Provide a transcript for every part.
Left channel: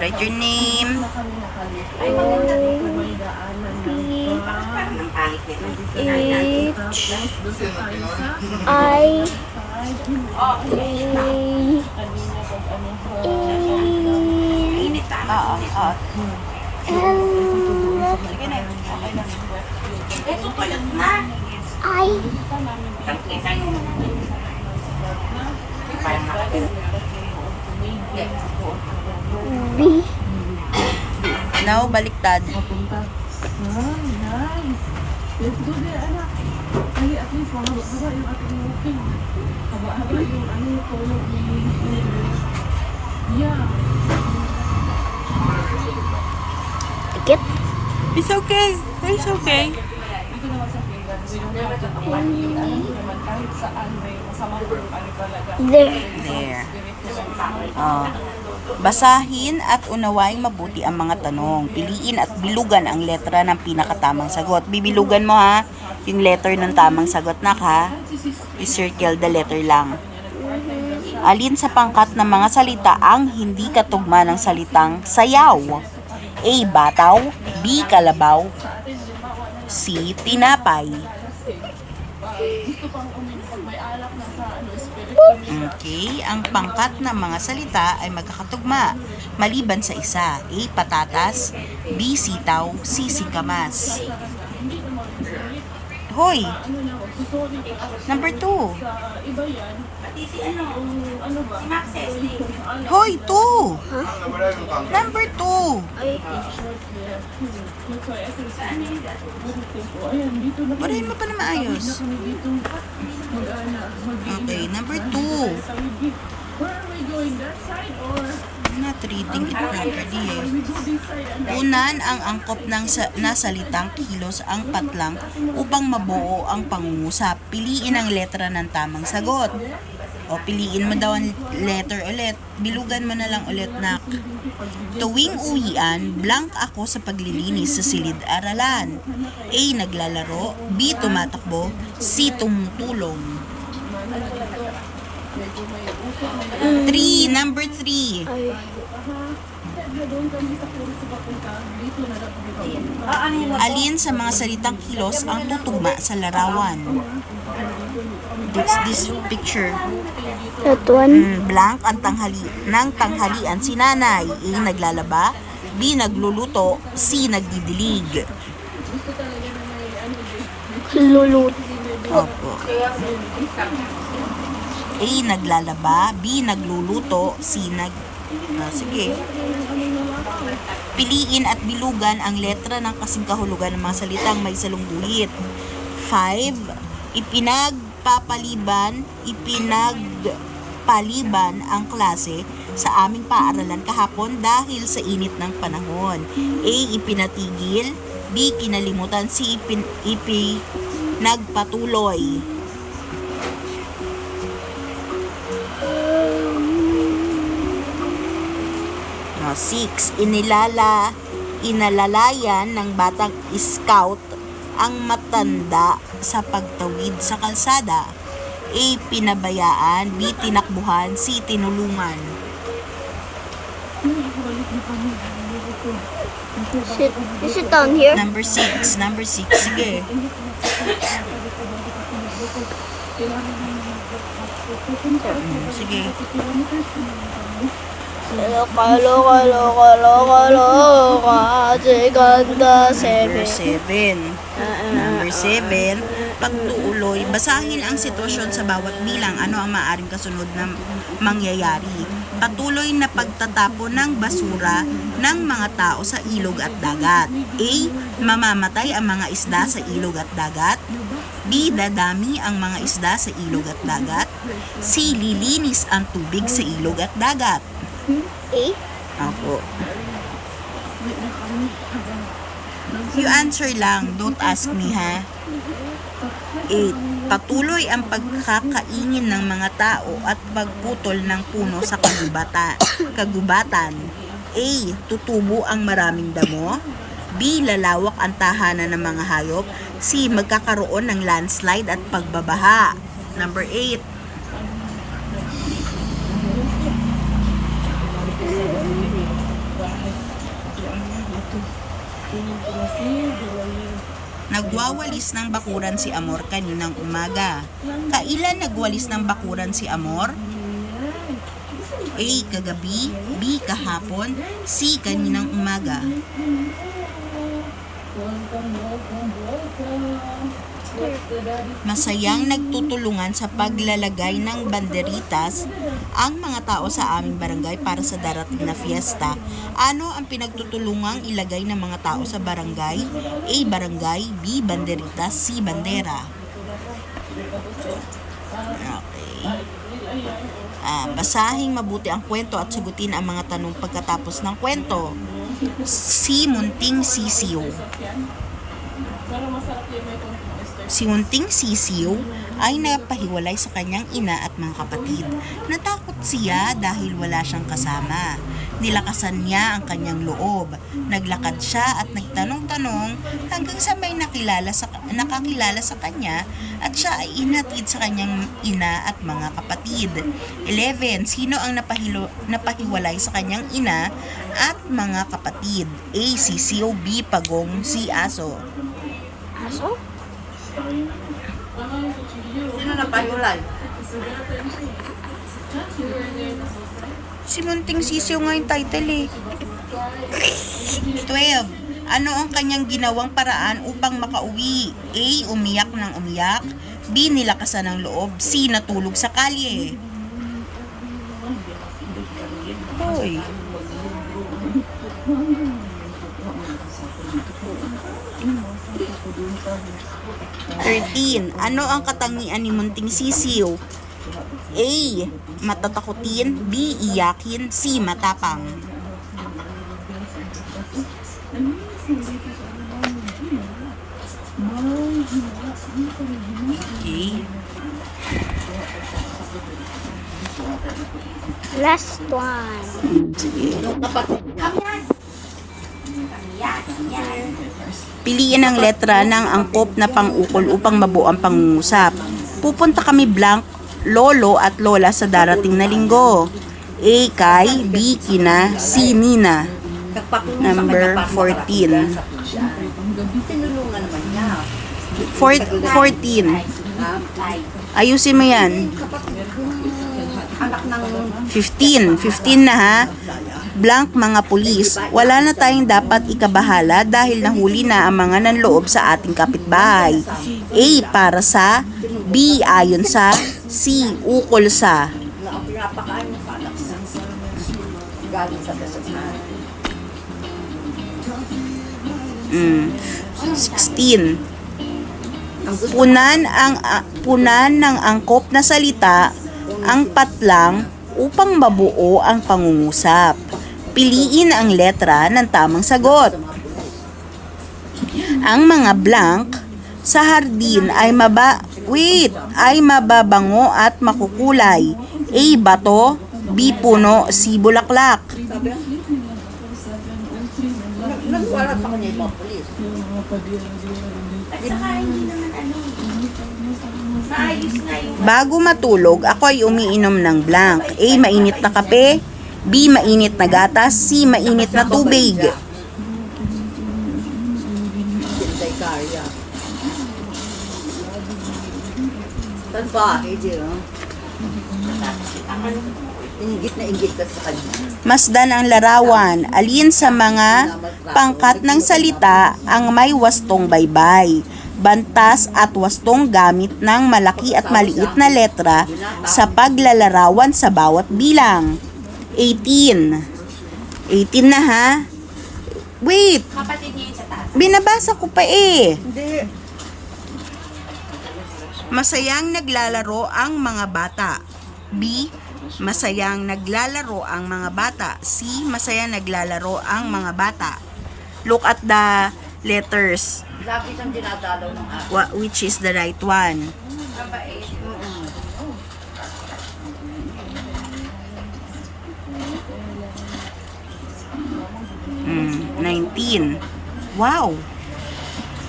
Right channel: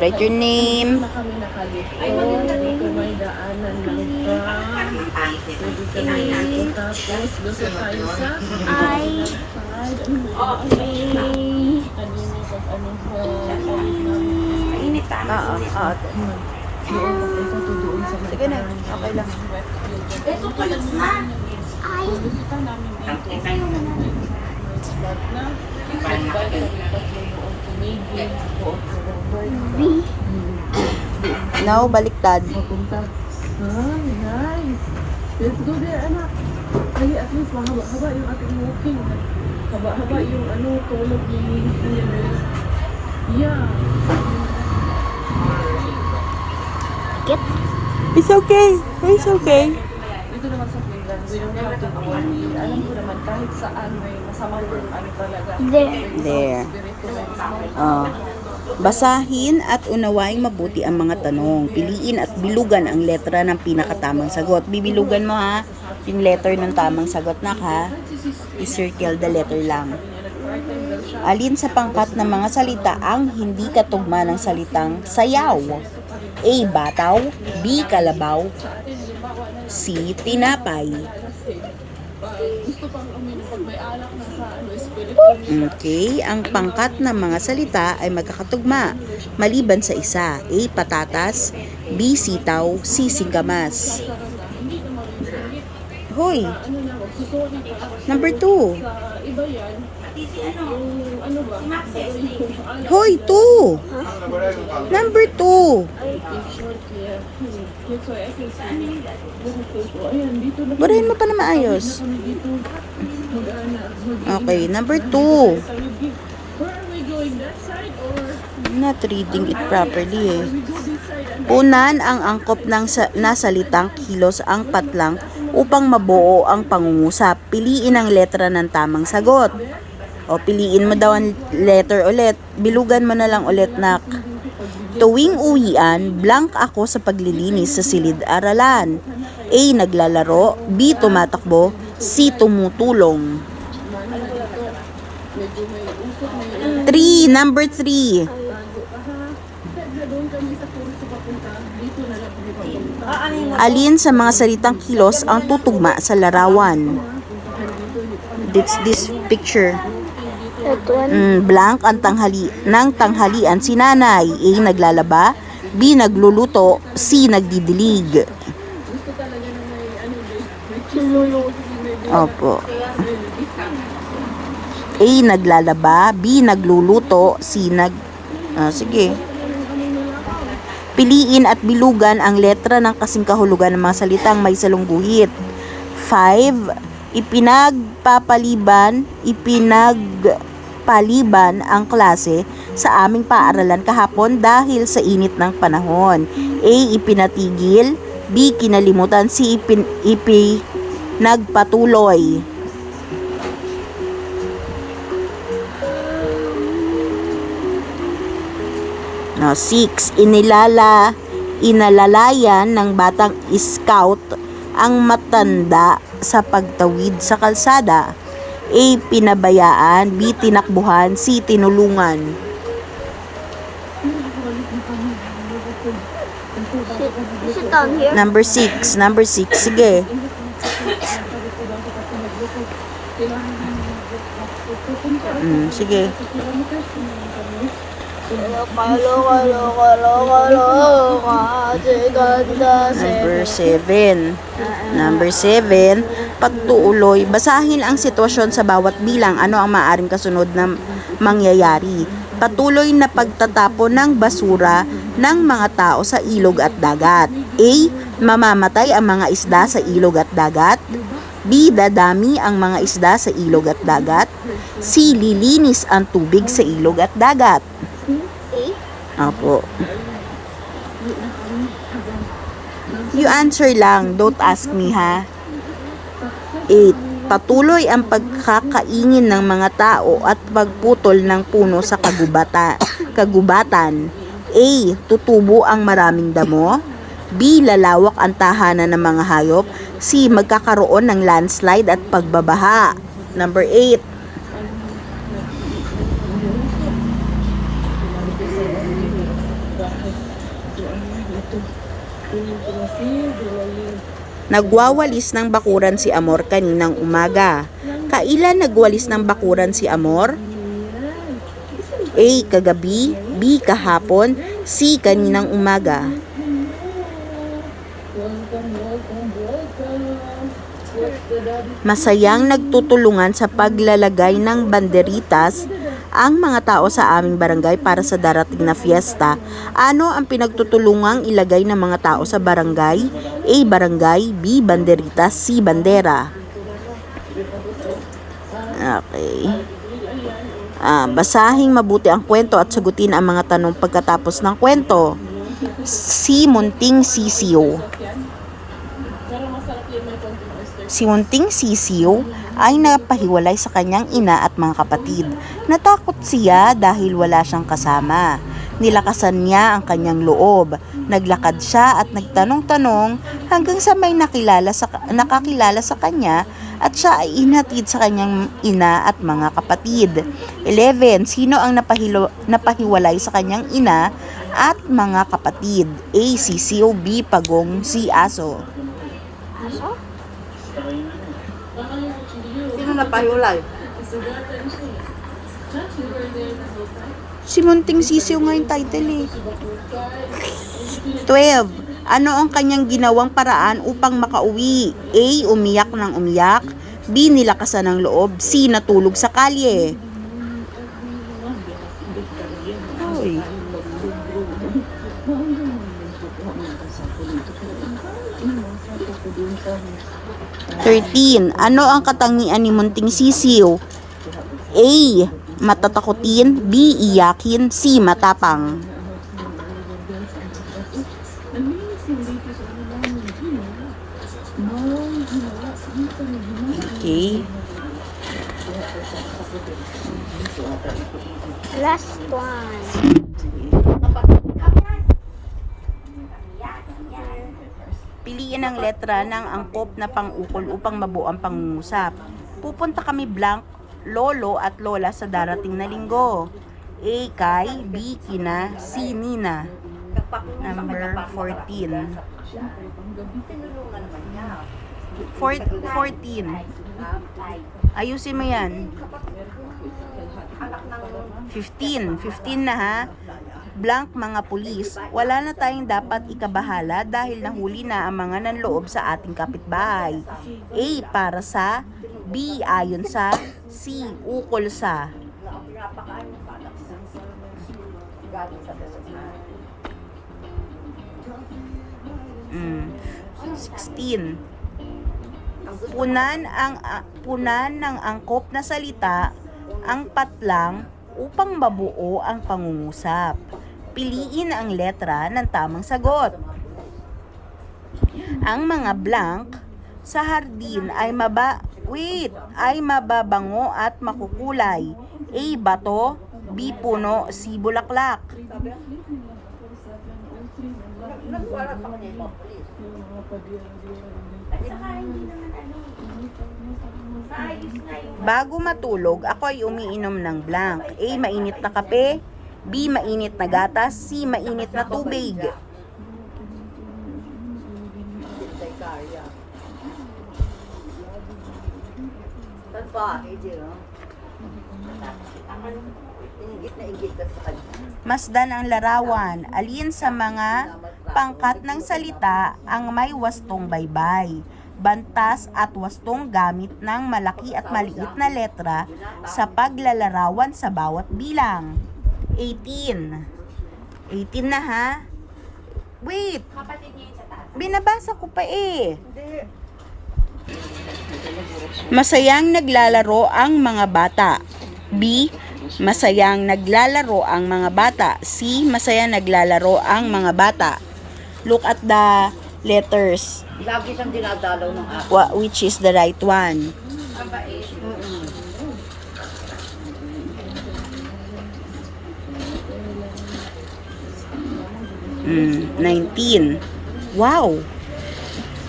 Write your name. Sige na. Okay lang. Ito tuyot na. I B Now, baliktad. Nice. Let's go there, anak. Ay, at least mahaba-haba yung ating walking. Haba-haba yung tulog ni universe. Yeah. Get It's okay. It's okay. Dito naman sa Finland, we don't have to worry. Alam ko naman, kahit saan, masama yung talaga. there. Oh. Basahin at unawaing mabuti ang mga tanong. Piliin at bilugan ang letra ng pinakatamang sagot. Bibilugan mo ha, yung letter ng tamang sagot na ha. I-circle the letter lang. Alin sa pangkat ng mga salita ang hindi katugma ng salitang sayaw? A. Bataw. B. Kalabaw. C. Tinapay. Okay, ang pangkat ng mga salita ay magkakatugma maliban sa isa. A. Patatas. B. Sitaw. C. Singkamas. Hoy! Number 2. Pati si si Maxes. Hoy, 2. Number 2. Barahin mo pa na maayos. Okay, number 2. Not reading it properly eh. Unan ang angkop ng nasalitang kilos ang patlang upang mabuo ang pangungusap. Piliin ang letra ng tamang sagot. O piliin mo daw ang letter ulit. Bilugan mo na lang ulit, nak. Tuwing uwian, blank ako sa paglilinis sa silid-aralan. A. Naglalaro. B. Tumatakbo. C. Tumutulong. 3. Number 3. Alin sa mga salitang kilos ang tutugma sa larawan? It's this picture. That one. Blank ang tanghalian si nanay. A. Naglalaba. B. Nagluluto. C. Nagdidilig. Lulu. Opo. A. Naglalaba. B. Nagluluto. C. Sige. Piliin at bilugan ang letra ng kasing kahulugan ng mga salitang may salungguhit. 5. Ipinagpaliban ang klase sa aming paaralan kahapon dahil sa init ng panahon. A. Ipinatigil. B. Kinalimutan. C. Ipinagpatuloy. No, 6. Inalalayan ng batang scout ang matanda sa pagtawid sa kalsada. A. Pinabayaan. B. Tinakbuhan. C. Tinulungan. Is it down here? Number 6. Sige. Sige. Number 7. Pagtuuloy. Basahin ang sitwasyon sa bawat bilang. Ano ang maaaring kasunod na mangyayari? Patuloy na pagtatapon ng basura ng mga tao sa ilog at dagat. A. Mamamatay ang mga isda sa ilog at dagat. B. Dadami ang mga isda sa ilog at dagat. C. Lilinis ang tubig sa ilog at dagat. Opo. You answer lang, don't ask me ha. 8. Patuloy ang pagkakaingin ng mga tao at pagputol ng puno sa kagubatan. A. Tutubo ang maraming damo. B. Lalawak ang tahanan ng mga hayop. C. Magkakaroon ng landslide at pagbabaha. Number 8. Nagwawalis ng bakuran si Amor kaninang umaga. Kailan nagwalis ng bakuran si Amor? A. Kagabi, B. Kahapon, C. Kaninang umaga. Masayang nagtutulungan sa paglalagay ng banderitas ang mga tao sa aming barangay para sa darating na fiesta. Ano ang pinagtutulungang ilagay ng mga tao sa barangay? A. Barangay, B. Banderitas, C. Bandera. Okay. Basahing mabuti ang kwento at sagutin ang mga tanong pagkatapos ng kwento. Si Munting Sisiw. Si Munting Sisiw ay napahiwalay sa kanyang ina at mga kapatid. Natakot siya dahil wala siyang kasama. Nilakasan niya ang kanyang loob. Naglakad siya at nagtanong-tanong hanggang sa may nakakilala sa kanya at siya ay inhatid sa kanyang ina at mga kapatid. 11. Sino ang napahiwalay sa kanyang ina at mga kapatid? A. Sisiw, B. Pagong, C. Aso. Sino napahiwalay? Si Munting Sisiw nga yung title eh. 12. Ano ang kanyang ginawang paraan upang makauwi? A. Umiyak ng umiyak, B. Nilakasan ng loob, C. Natulog sa kalye. Hoy. Thirteen. Ano ang katangian ni Munting Sisiw? A. Matatakutin, B. Iyakin, C. Matapang. Okay. Last one. Sige. Kapatid niya. Piliin ang letra ng angkop na pang-ukol upang mabuo ang pangungusap. Pupunta kami blank, lolo at lola sa darating na linggo. A. Kay, B. Kina, C. Nina. Number 14. Tinulungan naman niya. 14. Ayusin mo yan. Anak ng 15. 15 na ha. Blank mga pulis. Wala na tayong dapat ikabahala dahil nahuli na ang mga nanloob sa ating kapitbahay. A. Para sa, B. Ayon sa, C. Ukol sa. pinapakaan mo pa anak sa galing sa dasal. 16. Punan ng angkop na salita ang patlang upang mabuo ang pangungusap. Piliin ang letra ng tamang sagot. Ang mga blank sa hardin ay mababango at makukulay. A. Bato, B. Puno, C. Bulaklak. Nagwala sa kanya yung mga polis. At saka hindi naman maayos na yung Bago matulog, ako ay umiinom ng blank. A. Mainit na kape, B. Mainit na gatas, C. Mainit na tubig. Sintay Karya. Saan ba? Hindi, Ingit na ingit ka sa kanya. Masdan ang larawan. Alin sa mga pangkat ng salita ang may wastong baybay, bantas at wastong gamit ng malaki at maliit na letra sa paglalarawan sa bawat bilang. 18. 18 na ha? Wait! Kapatid niya yung sa taas. Binabasa ko pa eh. Hindi. Masayang naglalaro ang mga bata. B. Masayang naglalaro ang mga bata. C. Masayang naglalaro ang mga bata. Look at the letters. Lagi siyang dinadalaw ng apo. Which is the right one? Aba eh. 19. Wow!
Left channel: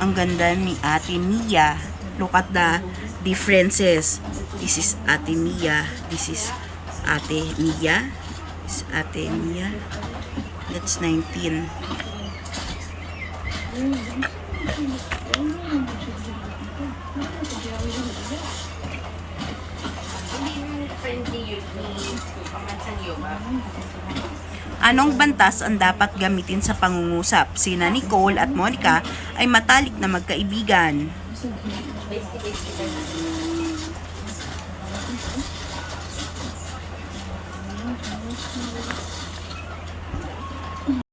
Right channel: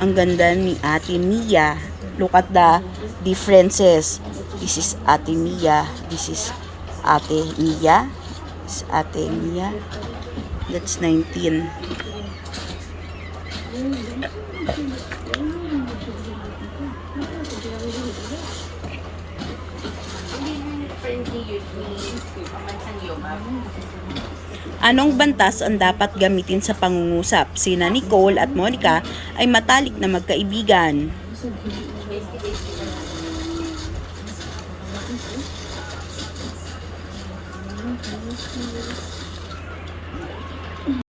Ang ganda ni Ate Mia. Look at the differences. This is Ate Mia. This is Ate Mia. This is Ate Mia. That's 19. Anong bantas ang dapat gamitin sa pangungusap? Sina Nicole at Monica ay matalik na magkaibigan.